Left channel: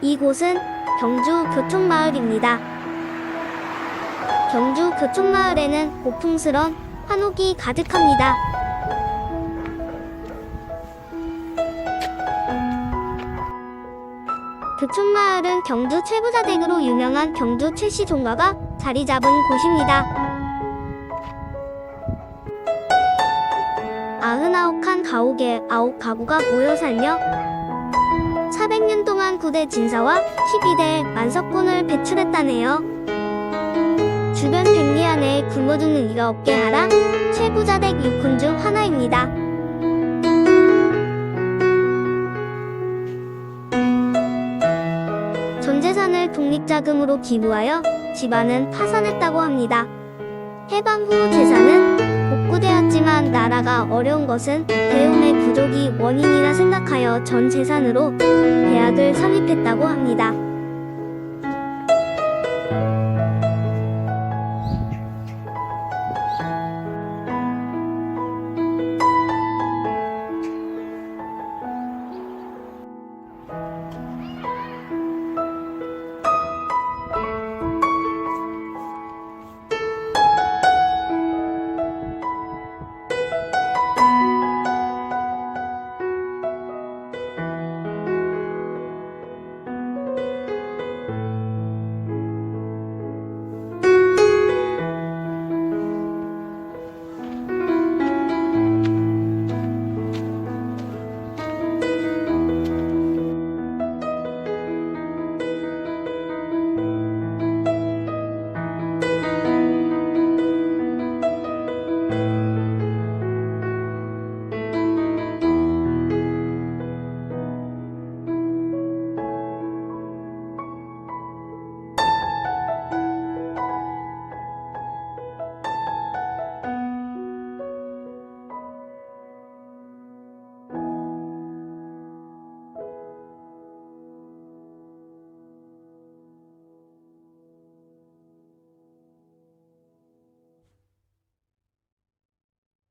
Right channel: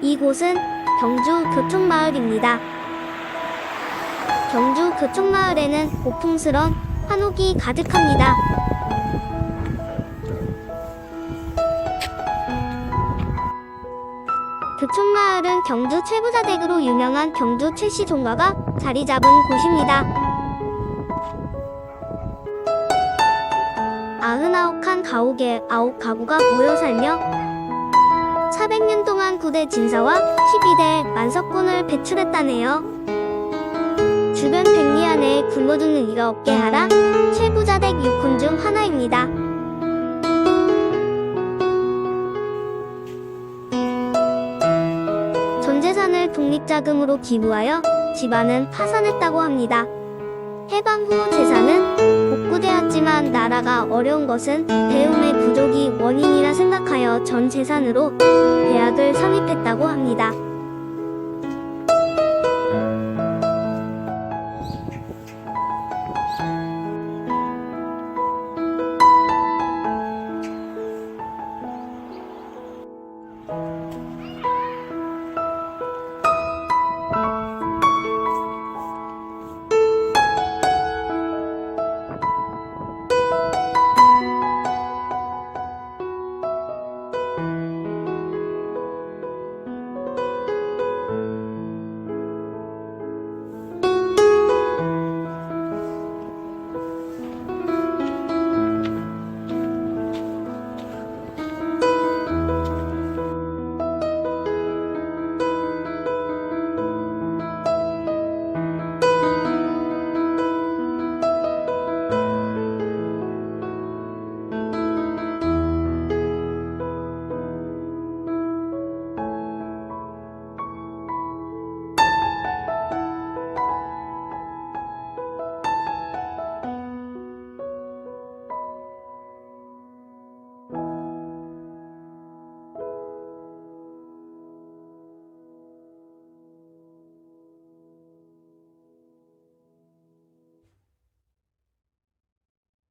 이곳은 경주 교촌마을입니다. 경주 교촌마을에는 고풍스런 한옥이 가득합니다. 교촌마을은 경주 최부자댁으로 유명한 경주 최씨 종가가 자리 잡은 곳입니다. 아흔아홉 칸 가옥에 아홉 가구가 모여 살며 400년 동안 구대 진사와 12대 만석군을 배출했다네요. 주변 백리 안에 굶어 죽는 이가 없게 하라 최부자댁 6혼 중 하나입니다. 전 재산을 독립자금으로 기부하여 집안은 파산했다고 합니다. 해방 후 재산은 복구되었지만 나라가 어려운 것은 배움의 부족이 원인이라 생각하여 전 재산으로 대학을 설립했다고 합니다.